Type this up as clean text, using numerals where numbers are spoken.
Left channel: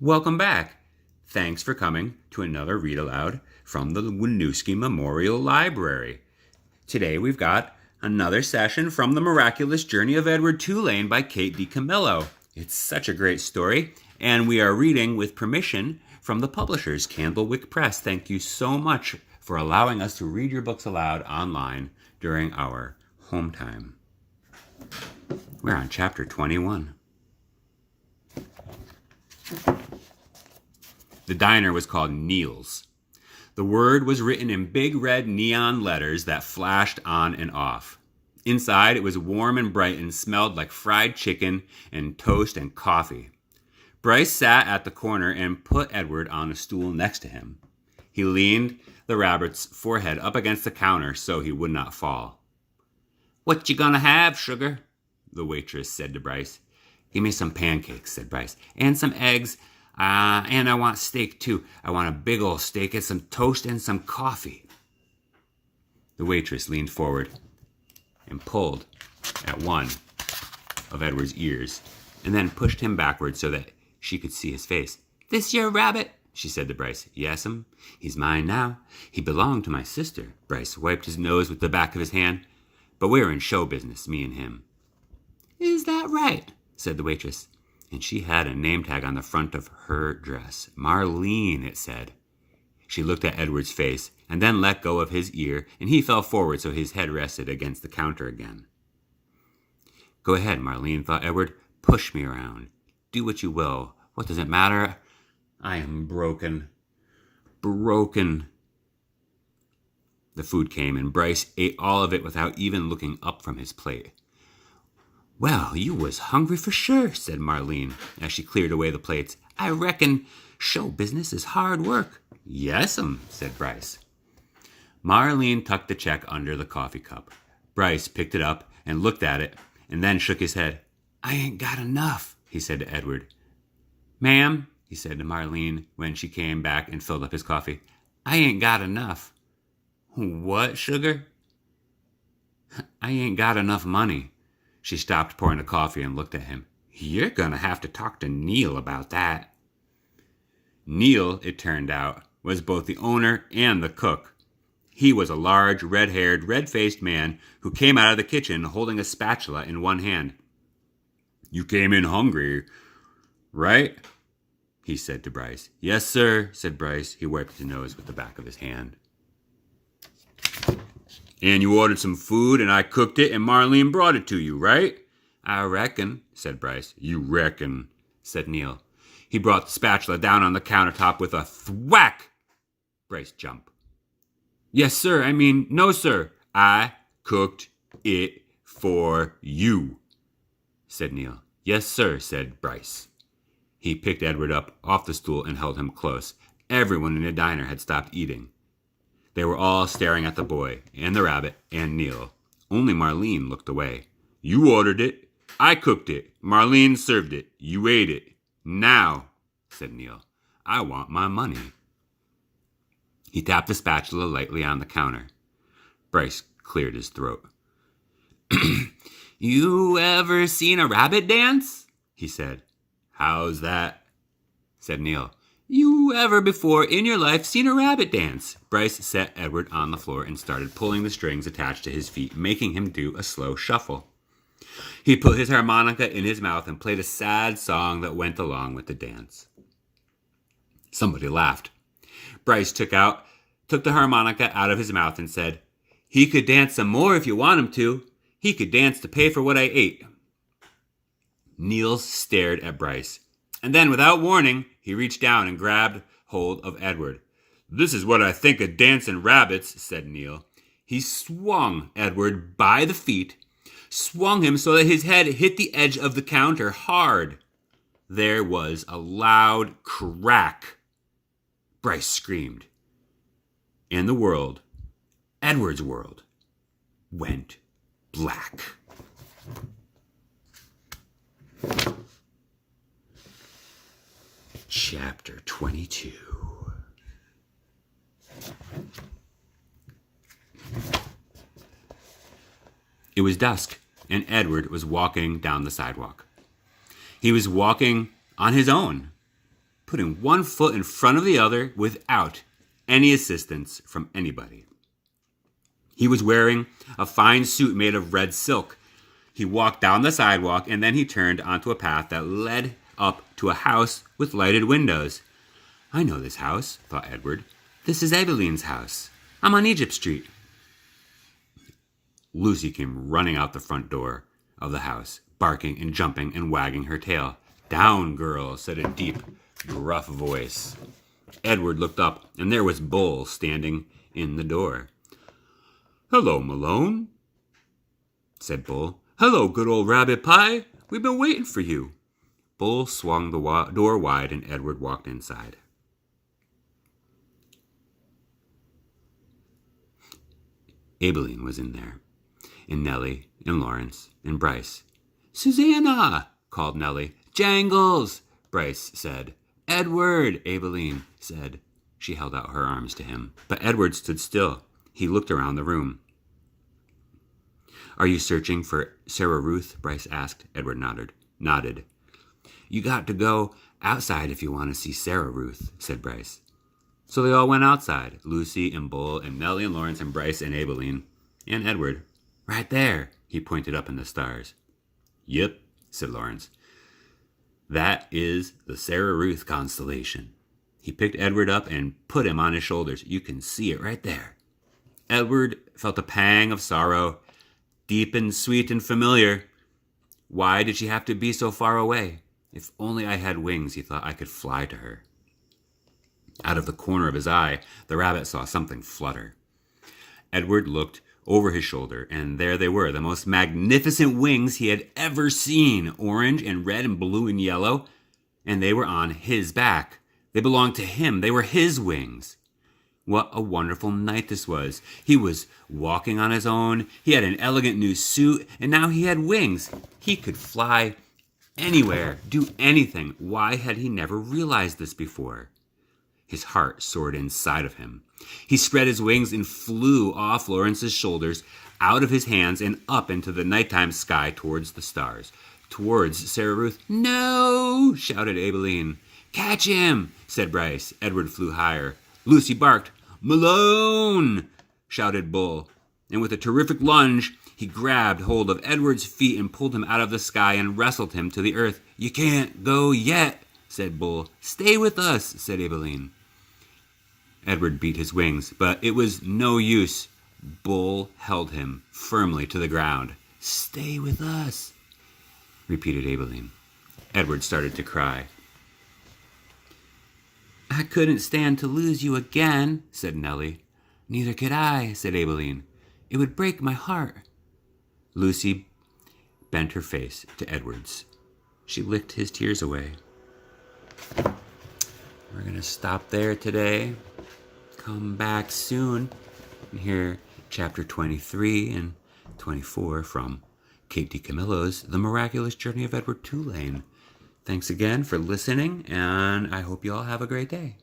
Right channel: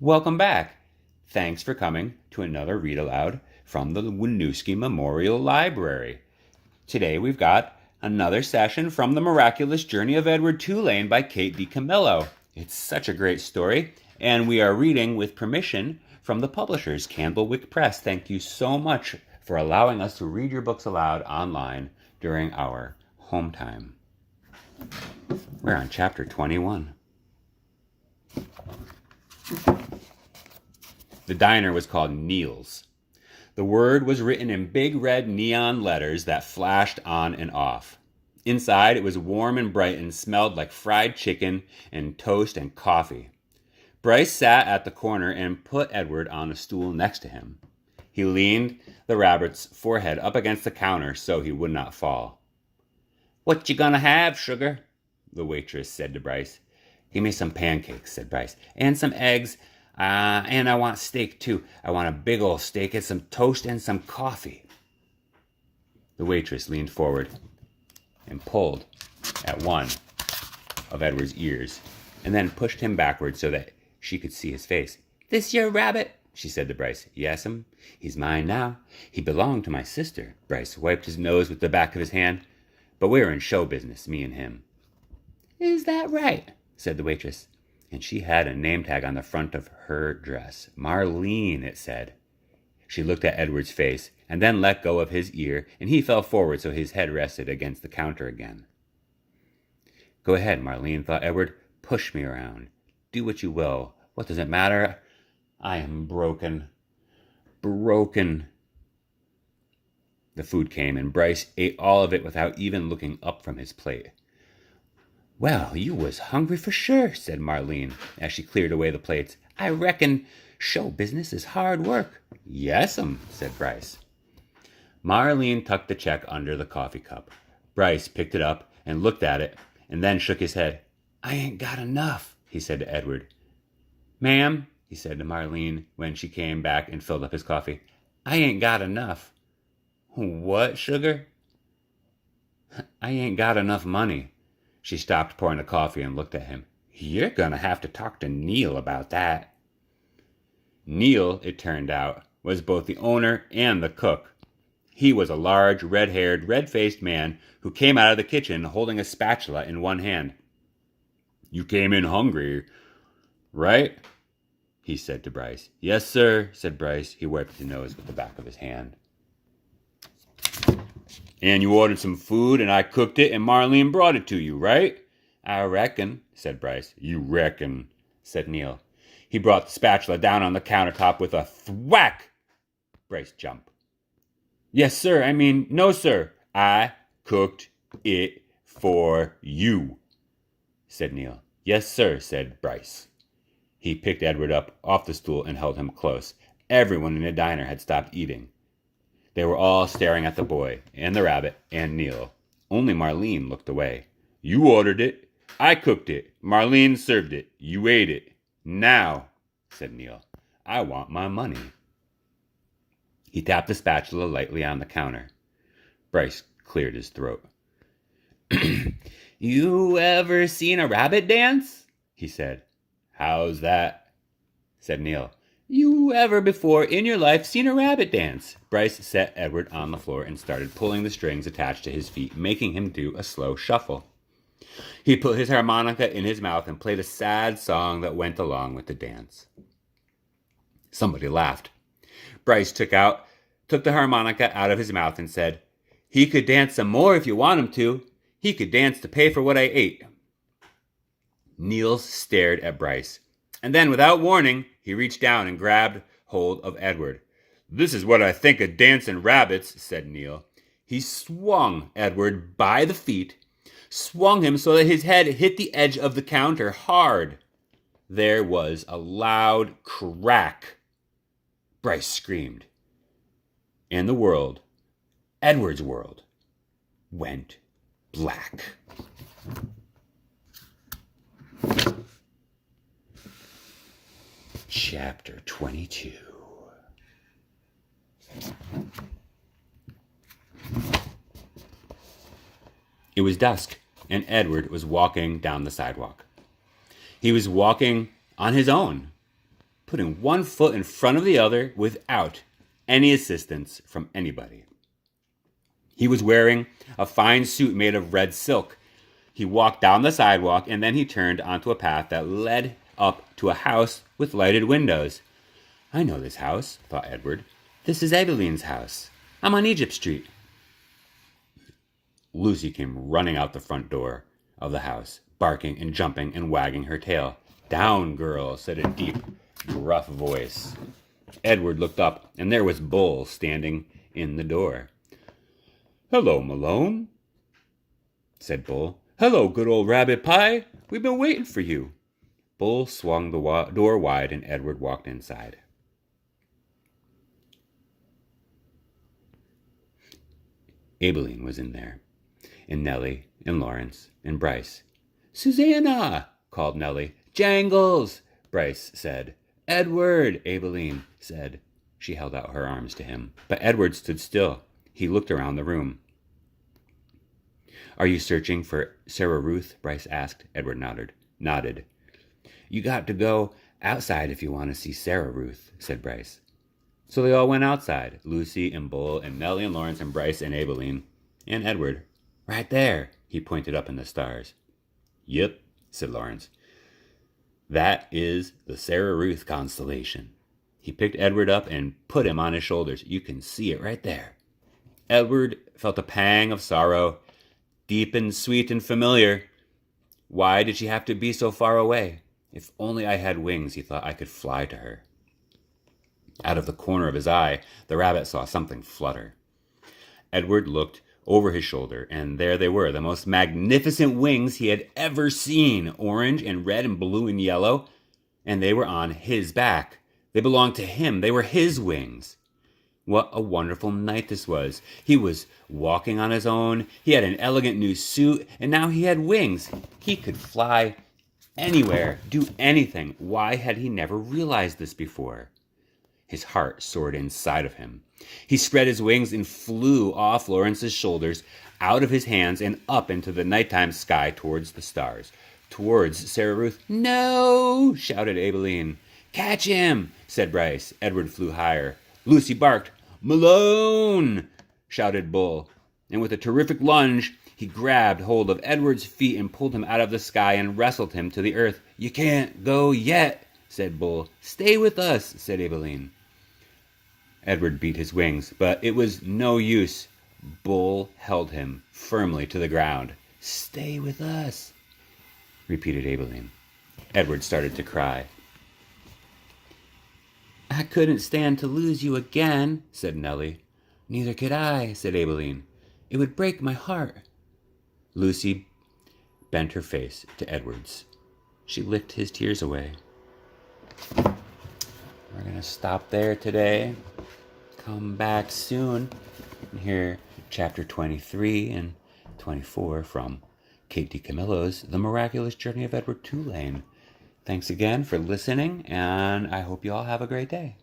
Welcome back. Thanks for coming to another Read Aloud from the Winooski Memorial Library. Today we've got another session from The Miraculous Journey of Edward Tulane by Kate DiCamillo. It's such a great story, and we are reading with permission from the publishers, Candlewick Press. Thank you so much for allowing us to read your books aloud online during our home time. We're on chapter 21. The diner was called Neil's. The word was written in big red neon letters that flashed on and off. Inside, it was warm and bright and smelled like fried chicken and toast and coffee. Bryce sat at the corner and put Edward on a stool next to him. He leaned the rabbit's forehead up against the counter so he would not fall. "What you gonna have, sugar?" the waitress said to Bryce. "Give me some pancakes," said Bryce, "and some eggs. And I want steak, too. I want a big old steak and some toast and some coffee." The waitress leaned forward and pulled at one of Edward's ears and then pushed him backward so that she could see his face. "This your rabbit?" she said to Bryce. "Yes'm. He's mine now. He belonged to my sister." Bryce wiped his nose with the back of his hand. "But we're in show business, me and him." "Is that right?" said the waitress. And she had a name tag on the front of her dress. Marlene, it said. She looked at Edward's face and then let go of his ear, and he fell forward so his head rested against the counter again. "Go ahead, Marlene," thought Edward. "Push me around. Do what you will. What does it matter? I am broken. Broken." The food came, and Bryce ate all of it without even looking up from his plate. "Well, you was hungry for sure," said Marlene, as she cleared away the plates. "I reckon show business is hard work." "Yes'm," said Bryce. Marlene tucked the check under the coffee cup. Bryce picked it up and looked at it, and then shook his head. "I ain't got enough," he said to Edward. "Ma'am," he said to Marlene when she came back and filled up his coffee, "I ain't got enough." "What, sugar?" "I ain't got enough money." She stopped pouring the coffee and looked at him. "You're going to have to talk to Neil about that." Neil, it turned out, was both the owner and the cook. He was a large, red-haired, red-faced man who came out of the kitchen holding a spatula in one hand. "You came in hungry, right?" he said to Bryce. "Yes, sir," said Bryce. He wiped his nose with the back of his hand. "And you ordered some food, and I cooked it, and Marlene brought it to you, right?" "I reckon," said Bryce. "You reckon," said Neil. He brought the spatula down on the countertop with a thwack. Bryce jumped. "Yes, sir. No, sir. I cooked it for you," said Neil. "Yes, sir," said Bryce. He picked Edward up off the stool and held him close. Everyone in the diner had stopped eating. They were all staring at the boy, and the rabbit, and Neil. Only Marlene looked away. "You ordered it. I cooked it. Marlene served it. You ate it. Now," said Neil, "I want my money." He tapped the spatula lightly on the counter. Bryce cleared his throat. "You ever seen a rabbit dance?" he said. "How's that?" said Neil. "You ever before in your life seen a rabbit dance?" Bryce set Edward on the floor and started pulling the strings attached to his feet, making him do a slow shuffle. He put his harmonica in his mouth and played a sad song that went along with the dance. Somebody laughed. Bryce took the harmonica out of his mouth and said, "He could dance some more if you want him to. He could dance to pay for what I ate." Neil stared at Bryce, and then, without warning, he reached down and grabbed hold of Edward. "This is what I think of dancing rabbits," said Neil. He swung Edward by the feet, swung him so that his head hit the edge of the counter hard. There was a loud crack. Bryce screamed. And the world, Edward's world, went black. Chapter 22. It was dusk, and Edward was walking down the sidewalk. He was walking on his own. putting one foot in front of the other without any assistance from anybody. He was wearing a fine suit made of red silk. He walked down the sidewalk, and then he turned onto a path that led up to a house with lighted windows. I know this house, thought Edward. This is Abilene's house. I'm on Egypt Street. Lucy came running out the front door of the house, barking and jumping and wagging her tail. Down, girl, said a deep, gruff voice. Edward looked up, and there was Bull standing in the door. Hello, Malone, said Bull. Hello, good old Rabbit Pie. We've been waiting for you. Bull swung the door wide, and Edward walked inside. Abilene was in there, and Nellie, and Lawrence, and Bryce. Susanna, called Nellie. Jangles, Bryce said. Edward, Abilene said. She held out her arms to him, but Edward stood still. He looked around the room. Are you searching for Sarah Ruth? Bryce asked. Edward nodded. You got to go outside if you want to see Sarah Ruth, said Bryce. So they all went outside, Lucy and Bull and Nellie and Lawrence and Bryce and Abilene and Edward. Right there, he pointed up in the stars. Yep, said Lawrence. That is the Sarah Ruth constellation. He picked Edward up and put him on his shoulders. You can see it right there. Edward felt a pang of sorrow, deep and sweet and familiar. Why did she have to be so far away? If only I had wings, he thought, I could fly to her. Out of the corner of his eye, the rabbit saw something flutter. Edward looked over his shoulder, and there they were, the most magnificent wings he had ever seen, orange and red and blue and yellow, and they were on his back. They belonged to him. They were his wings. What a wonderful night this was. He was walking on his own. He had an elegant new suit, and now he had wings. He could fly anywhere, do anything. Why had he never realized this before? His heart soared inside of him. He spread his wings and flew off Lawrence's shoulders, out of his hands, and up into the nighttime sky towards the stars, towards Sarah Ruth. No, shouted Abilene. Catch him, said Bryce. Edward flew higher. Lucy barked. Malone, shouted Bull. And with a terrific lunge, he grabbed hold of Edward's feet and pulled him out of the sky and wrestled him to the earth. You can't go yet, said Bull. Stay with us, said Abilene. Edward beat his wings, but it was no use. Bull held him firmly to the ground. Stay with us, repeated Abilene. Edward started to cry. I couldn't stand to lose you again, said Nellie. Neither could I, said Abilene. It would break my heart. Lucy bent her face to Edward's. She licked his tears away. We're going to stop there today. Come back soon and hear chapter 23 and 24 from Kate DiCamillo's The Miraculous Journey of Edward Tulane. Thanks again for listening, and I hope you all have a great day.